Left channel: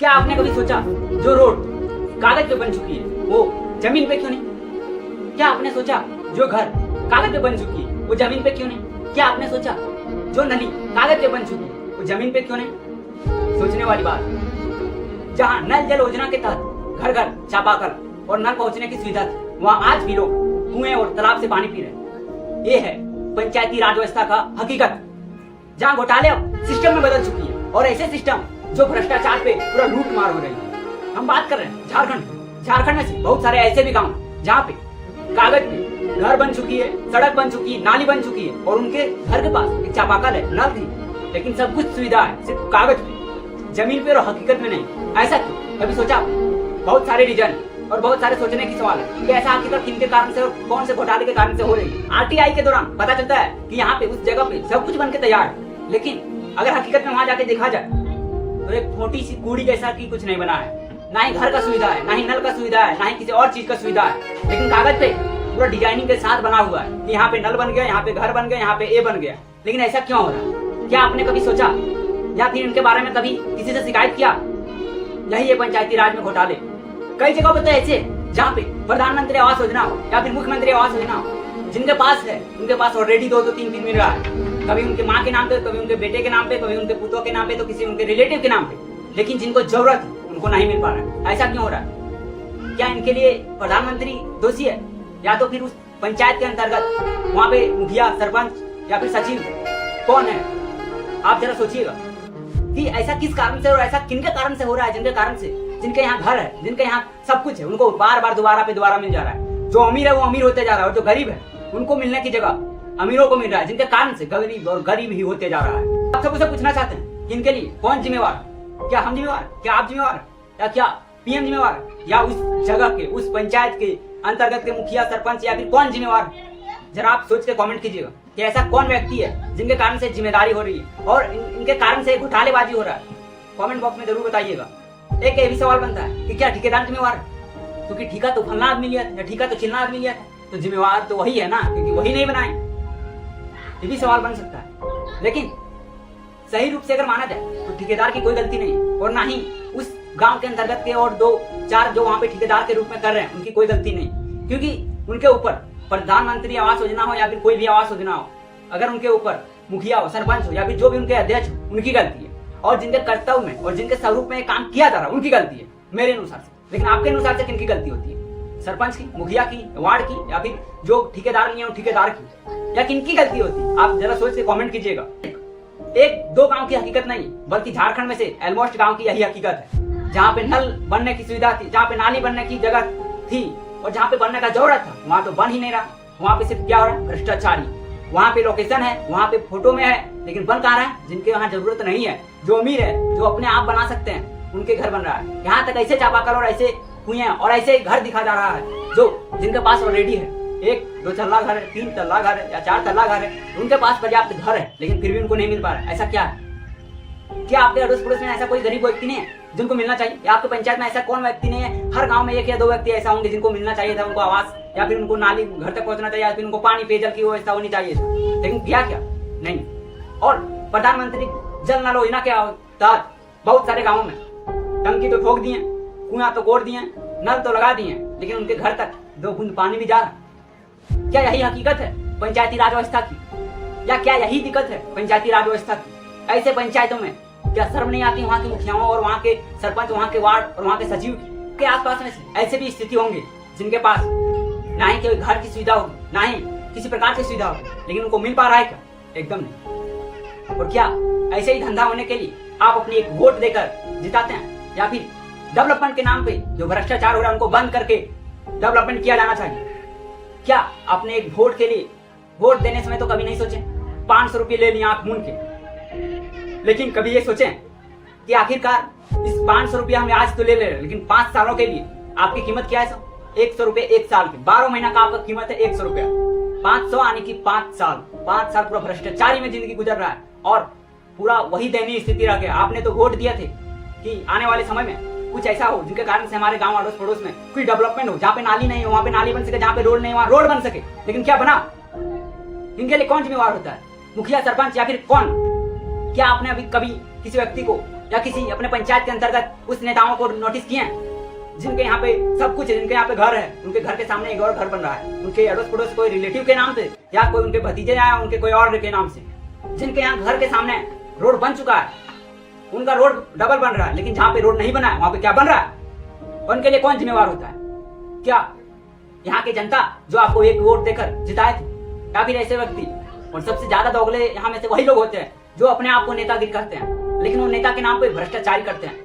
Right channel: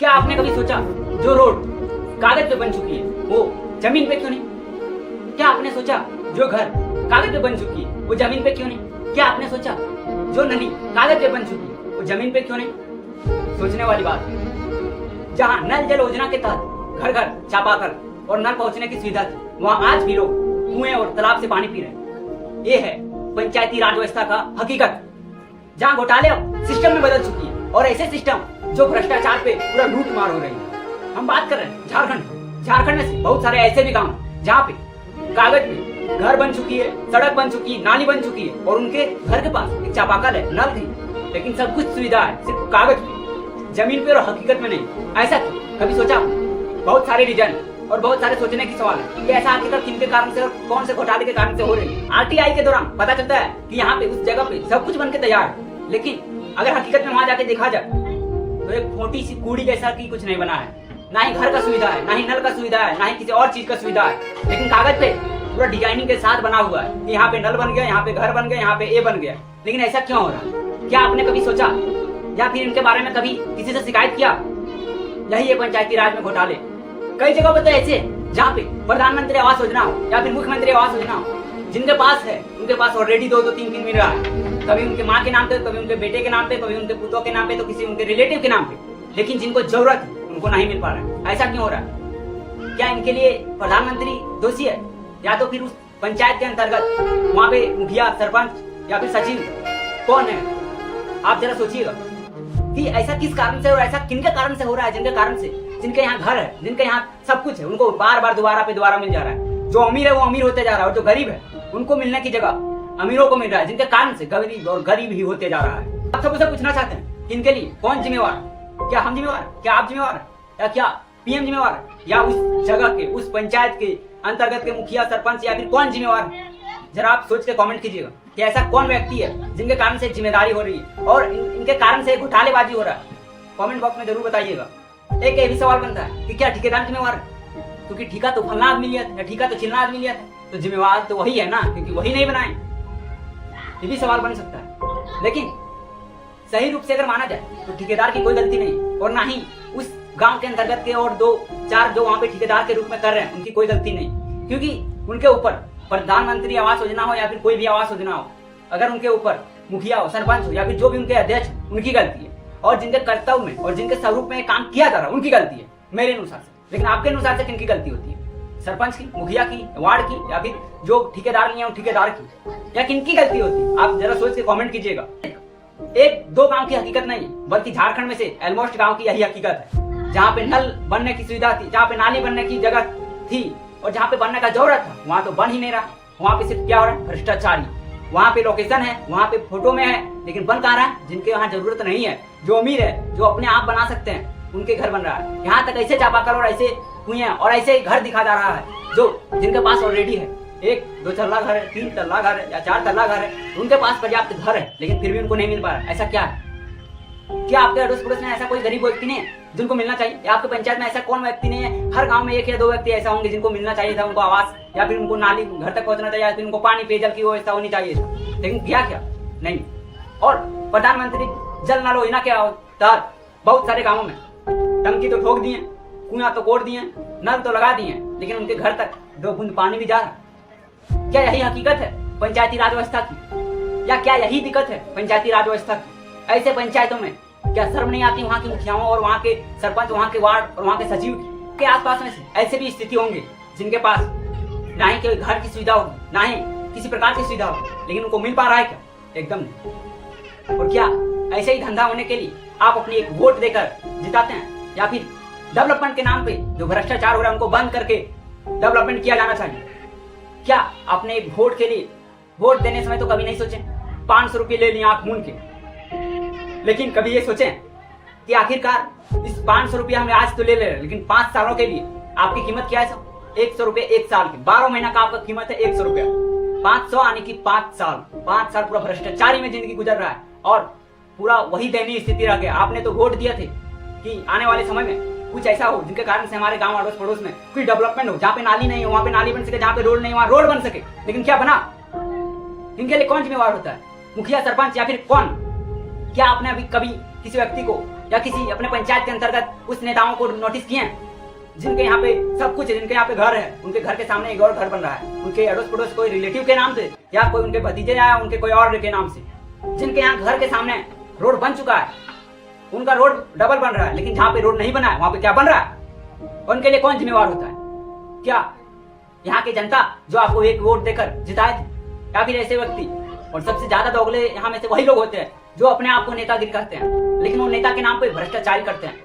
क्या आपने कभी सोचा जो रोड कागज पे बन चुकी है वो जमीन पे क्यों नहीं? क्या आपने सोचा जो घर कागज पे बन चुकी है वो जमीन पे क्यों नहीं? क्या आपने सोचा जो नली कागज पे बन चुकी है वो जमीन पे क्यों नहीं? सोचने वाली बात है। जहाँ नल जल योजना के तहत घर घर चापाकल और नल पहुंचने की सुविधा थी, वहाँ आज भी लोग कुएं और तालाब से पानी पी रहे हैं। ये है पंचायती राज व्यवस्था का हकीकत, जहाँ घोटाले अब सिस्टम में बदल चुकी है और ऐसे सिस्टम जो भ्रष्टाचार पे पूरा लूट मार हो रही है। हम बात कर रहे हैं झारखंड में से बहुत सारे ऐसे भी गांव जहाँ पे कागज पे घर बन चुकी है, सड़क बन चुकी है, नाली बन चुकी है और उनके घर के पास एक चापाकल है, नल थी, लेकिन सब कुछ सुविधा है सिर्फ कागज पे, जमीन पे और हकीकत में नहीं। ऐसा क्यों? कभी सोचा? बहुत सारे रीजन और बहुत सारे सोचने की सवाल है कि ऐसा आखिरकार किन के कारण से और कौन से घोटाले के कारण से हो रही है। आरटीआई के दौरान पता चलता है कि यहाँ पे उस जगह पे सब कुछ बन के तैयार है, लेकिन अगर हकीकत में वहां जाके देखा जाए तो एक छोटी सी कूड़ी जैसा की कुछ नहीं बना है। ना ही घर का सुविधा है, ना ही नल का सुविधा है, ना ही किसी और चीज का सुविधा है, लेकिन कागज पे पूरा डिजाइनिंग के साथ बना हुआ है कि यहाँ पे नल बन गया, यहाँ पे घर बन गया, यहाँ पे ए बन गया। लेकिन ऐसा क्यों हो रहा है? क्या आपने कभी सोचा या फिर इनके बारे में कभी किसी से शिकायत किया? यही है पंचायती राज में घोटाले। कई जगहों पे तो ऐसे जहाँ पे प्रधानमंत्री आवास योजना हो या फिर मुख्यमंत्री आवास योजना हो, जिनके पास है उनके पास ऑलरेडी 2-3 मिल रहा है, कभी उनके माँ के नाम पे, कभी उनके बेटे के नाम पे, कभी उनके पुतों के नाम पे, तो किसी उनके रिलेटिव के नाम पे, लेकिन जिनको जरूरत है उनको नहीं मिल पा रहा है। ऐसा क्यों हो रहा है? क्या इनके लिए प्रधानमंत्री दोषी है या तो फिर उस पंचायत के अंतर्गत वहाँ पे मुखिया, सरपंच या फिर सचिव कौन है? आप जरा सोचिएगा कि ऐसा किस कारण से और ऐसा किनके कारण से हो रहा है, जिनके कारण से, जिनके यहाँ घर है, जिनके यहाँ सब कुछ है, उनको बार बार दोबारा मिल जा रहा है। जो अमीर है वो अमीर होते जा रहा है और जो गरीब है उनको मिलने की जगह अमीरों को मिल रहा है, जिनके कारण से गरीब और गरीब ही होते जा रहा है। आप सबसे पूछना चाहते हैं कि इनके लिए कौन जिम्मेवार? क्या हम जिम्मेवार? क्या आप जिम्मेवार? या क्या पीएम जिम्मेवार? या उस जगह के, उस पंचायत के अंतर्गत के मुखिया, सरपंच या फिर कौन जिम्मेवार? जरा आप सोच के कमेंट कीजिएगा कि ऐसा कौन व्यक्ति है जिनके कारण से जिम्मेदारी हो रही है और इनके कारण से घोटालेबाजी हो रहा है। कमेंट बॉक्स में जरूर बताइएगा। एक ये भी सवाल बनता है कि क्या ठेकेदार जिम्मेवार है? क्योंकि ठेका तो फलना आदमी लिया था या ठेका तो चिल्ला आदमी लिया था, तो जिम्मेवार तो वही है ना, क्योंकि वही नहीं बनाए। ये भी सवाल बन सकता है। लेकिन सही रूप से अगर माना जाए तो ठेकेदार की कोई गलती नहीं और ना ही उस गांव के अंतर्गत के और 2-4 जो वहां पे ठेकेदार के रूप में कर रहे हैं उनकी कोई गलती नहीं, क्योंकि उनके ऊपर प्रधानमंत्री आवास योजना हो या फिर कोई भी आवास योजना हो, अगर उनके ऊपर मुखिया हो, सरपंच हो या फिर जो भी उनके अध्यक्ष हो, उनकी गलती है। और जिनके कर्तव्य में और जिनके स्वरूप में काम किया जा रहा है उनकी गलती है मेरे अनुसार से। लेकिन आपके अनुसार से किनकी गलती होती है? सरपंच की, मुखिया की, वार्ड की या फिर जो ठेकेदार नहीं है ठेकेदार की, या किनकी गलती होती है? आप जरा सोच के कमेंट कीजिएगा। 1-2 गांव की हकीकत नहीं है, बल्कि झारखंड में से ऑलमोस्ट गांव की यही हकीकत है। जहाँ पे नल बनने की सुविधा थी, जहाँ पे नाली बनने की जगह थी और जहाँ पे बनने का जरूरत था, वहाँ तो बन ही नहीं रहा। वहाँ पे सिर्फ क्या हो रहा है? भ्रष्टाचारी। वहाँ पे लोकेशन है, वहाँ पे फोटो में है, लेकिन बन कहाँ रहा है? जिनके यहाँ जरूरत नहीं है, जो अमीर है, जो अपने आप बना सकते हैं, उनके घर बन रहा है। यहाँ तक ऐसे चापाकल और ऐसे कुएं और ऐसे घर दिखा जा रहा है जो जिनके पास ऑलरेडी है। 1-2 तल्ला घर है, 3 तल्ला घर है या 4 तल्ला घर है, उनके पास पर्याप्त घर है, लेकिन फिर भी उनको नहीं मिल पा रहा है। ऐसा क्या है? क्या आपके अड़ोस पड़ोस में ऐसा कोई गरीब व्यक्ति नहीं है जिनको मिलना चाहिए? या आपके पंचायत में ऐसा कौन व्यक्ति नहीं है? हर गांव में 1 या 2 व्यक्ति ऐसा होंगे जिनको मिलना चाहिए था, उनको आवास या फिर उनको नाली घर तक पहुंचना चाहिए या फिर उनको पानी पेयजल की व्यवस्था होनी चाहिए था, लेकिन किया क्या? नहीं। और प्रधानमंत्री जल नल योजना के तहत बहुत सारे गाँवों में टंकी तो ठोक दिए, कुआं तो कोड़ दिए, नल तो लगा दिए, लेकिन उनके घर तक 2 बूंद पानी भी जा रहा। क्या यही हकीकत है पंचायती राज व्यवस्था की? या क्या यही दिक्कत है पंचायती राज व्यवस्था की? ऐसे पंचायतों में क्या शर्म नहीं आती वहाँ के मुखियाओं और वहाँ के सरपंच, वहाँ के वार्ड और वहाँ के सचिव के आसपास में से ऐसे भी स्थिति होंगे जिनके पास ना ही कोई घर की सुविधा होगी, ना ही किसी प्रकार की सुविधा होगी, लेकिन उनको मिल पा रहा है क्या? एकदम नहीं। और क्या ऐसे ही धंधा होने के लिए आप अपनी एक वोट देकर जिताते हैं? या फिर डेवलपमेंट के नाम पे जो भ्रष्टाचार हो रहा है उनको बंद करके डेवलपमेंट किया जाना चाहिए? क्या आपने एक वोट के लिए वोट देने समय तो कभी नहीं सोचे 500 रुपये ले लिए आंख मूंद के, लेकिन कभी ये सोचें कि आखिरकार इस 500 रुपया हम आज तो ले रहे हैं, लेकिन 5 सालों के लिए आपकी कीमत क्या है? सब 100 रुपये 1 साल के, 12 महीना का आपका कीमत है 100 रुपया। 500 यानी कि 5 साल पूरा भ्रष्टाचारी में जिंदगी गुजर रहा है और पूरा वही दयनीय स्थिति रह गया। आपने तो वोट दिया थे कि आने वाले समय में कुछ ऐसा हो जिनके कारण से हमारे गांव अड़ोस पड़ोस में कोई डेवलपमेंट हो, जहाँ पे नाली नहीं हो वहाँ पे नाली बन सके, जहाँ पे रोड नहीं वहाँ रोड बन सके, लेकिन क्या बना? इनके लिए कौन जिम्मेवार होता है? मुखिया, सरपंच या फिर कौन? क्या आपने अभी कभी किसी व्यक्ति को या किसी अपने पंचायत के अंतर्गत उस नेताओं को नोटिस किए हैं जिनके यहाँ पे सब कुछ है, जिनके यहाँ पे घर है, उनके घर के सामने एक और घर बन रहा है, उनके अड़ोस पड़ोस कोई रिलेटिव के नाम से या कोई उनके भतीजे या उनके कोई और के नाम से, जिनके यहाँ घर के सामने रोड बन चुका है, उनका रोड डबल बन रहा है, लेकिन जहाँ पे रोड नहीं बना है वहां पे क्या बन रहा है, उनके लिए कौन जिम्मेवार होता है? क्या यहाँ की जनता जो आपको एक वोट देकर जिताए थे, या फिर ऐसे व्यक्ति? और सबसे ज्यादा दोगले यहाँ में से वही लोग होते हैं जो अपने आप को नेतागिरी करते हैं, लेकिन वो नेता के नाम पे भ्रष्टाचारी करते हैं।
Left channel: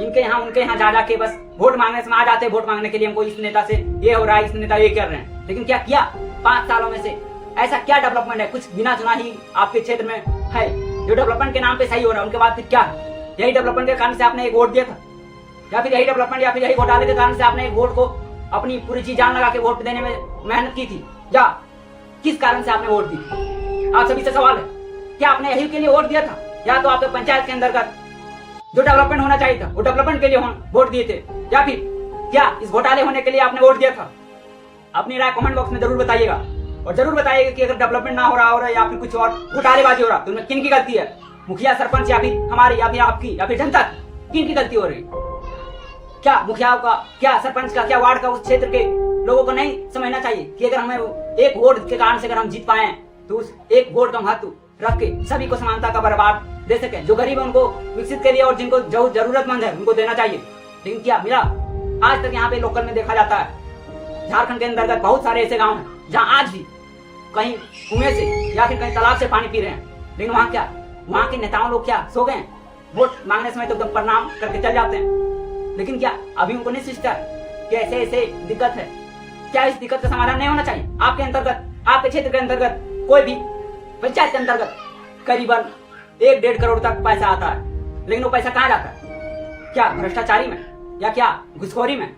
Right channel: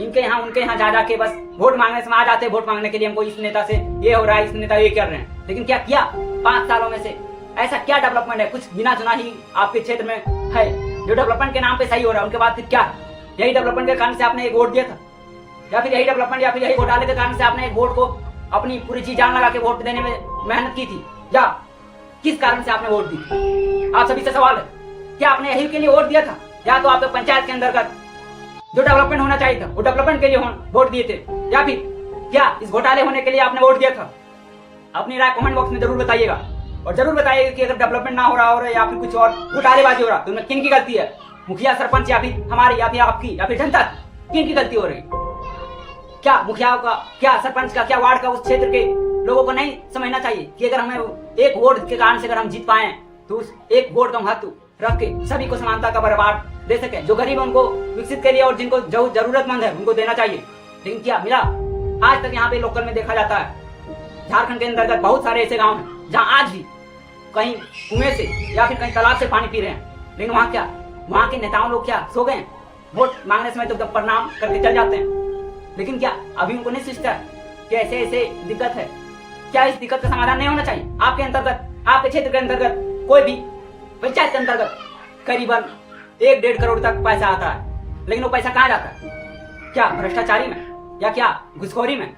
इनके यहाँ उनके यहाँ जा जाके बस वोट मांगने से आ जाते हैं, वोट मांगने के लिए हमको इस नेता से ये हो रहा है, इस नेता ये कर रहे हैं, लेकिन क्या किया 5 सालों में से? ऐसा क्या डेवलपमेंट है? कुछ गिना चुना ही आपके क्षेत्र में है जो डेवलपमेंट के नाम पे सही हो रहा है, उनके बाद फिर क्या है? यही डेवलपमेंट के कारण से आपने एक वोट दिया था, या फिर यही डेवलपमेंट या फिर यही घोटाले के कारण से आपने एक वोट को अपनी पूरी जी जान लगा के वोट देने में मेहनत की थी, या किस कारण से आपने वोट दी थी? आप सभी से सवाल है, क्या आपने यही के लिए वोट दिया था, या तो आपके पंचायत के अंतर्गत जो डेवलपमेंट होना चाहिए था वो डेवलपमेंट के लिए वोट दिए थे, या फिर क्या इस घोटाले होने के लिए आपने वोट दिया था? अपनी राय कमेंट बॉक्स में जरूर बताइएगा, और जरूर बताइएगा कि अगर डेवलपमेंट ना हो रहा है या फिर कुछ और घोटालेबाजी हो रहा है तो उनमें किन की गलती है? मुखिया, सरपंच, या फिर हमारी, या फिर आपकी, या फिर जनता की? किन की गलती हो रही? क्या मुखियाओं का, क्या सरपंच का, क्या वार्ड का, उस क्षेत्र के लोगों को नहीं समझना चाहिए कि अगर हमें एक वोट के कारण से अगर हम जीत पाए तो उस एक वोट का महत्व रख के सभी को समानता का बराबर दे सके, जो गरीब है उनको विकसित के लिए और जिनको जो जरूरतमंद है उनको देना चाहिए। लेकिन क्या मिला? आज तक यहाँ पे लोकल में देखा जाता है, झारखंड के अंतर्गत बहुत सारे ऐसे गांव हैं जहाँ आज भी कहीं कुएं से या फिर कहीं तालाब से पानी पी रहे हैं, लेकिन वहाँ क्या, वहाँ के नेताओं लोग क्या सो गए? वोट मांगने समय तो एकदम प्रणाम करके चल जाते हैं, लेकिन क्या अभी उनको नहीं सोचता है कि ऐसे ऐसे दिक्कत है? क्या इस दिक्कत का समाधान नहीं होना चाहिए? आपके अंतर्गत, आपके क्षेत्र के अंतर्गत कोई भी पंचायत के अंतर्गत करीबन 1-1.5 करोड़ तक पैसा आता है, लेकिन वो पैसा कहाँ जाता है? क्या भ्रष्टाचारी में, या क्या घुसखोरी में?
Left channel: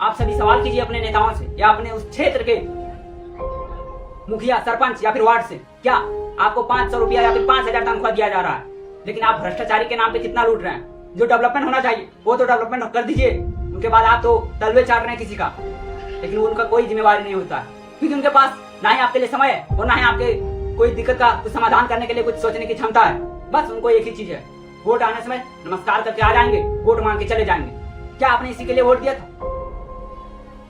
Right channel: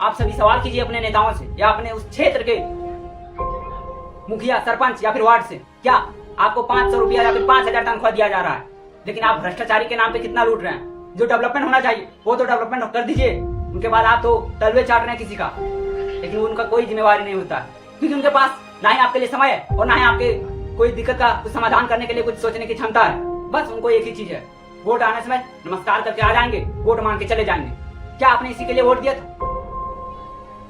आप सभी सवाल कीजिए अपने नेताओं से या अपने उस क्षेत्र के मुखिया, सरपंच या फिर वार्ड से। क्या आपको 500 रुपया या फिर 5,000 तनख्वाह दिया जा रहा है, लेकिन आप भ्रष्टाचारी के नाम पे कितना लूट रहे हैं? जो डेवलपमेंट होना चाहिए वो तो डेवलपमेंट कर दीजिए, उनके बाद आप तो तलवे चाट रहे हैं किसी का, लेकिन उनका कोई जिम्मेवारी नहीं होता है, क्योंकि उनके पास ना ही आपके लिए समय है और ना ही आपके कोई दिक्कत का कुछ समाधान करने के लिए कुछ सोचने की क्षमता है। बस उनको एक ही चीज है, वोट आने समय नमस्कार करके आ जाएंगे, वोट मांग के चले जाएंगे। क्या आपने इसी के लिए वोट दिया था?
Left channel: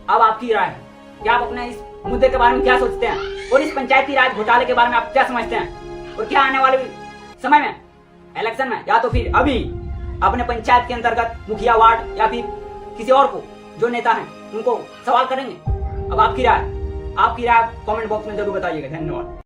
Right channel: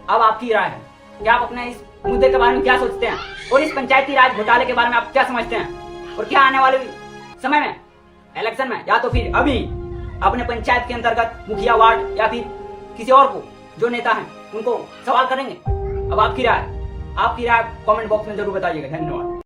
अब आपकी राय है कि आप अपने इस मुद्दे के बारे में क्या सोचते हैं, और इस पंचायती राज घोटाले के बारे में आप क्या समझते हैं, और क्या आने वाले समय में इलेक्शन में या तो फिर अभी अपने पंचायत के अंतर्गत मुखिया, वार्ड या फिर किसी और को जो नेता हैं उनको सवाल करेंगे? अब आपकी राय कमेंट बॉक्स में जरूर बताइएगा। धन्यवाद।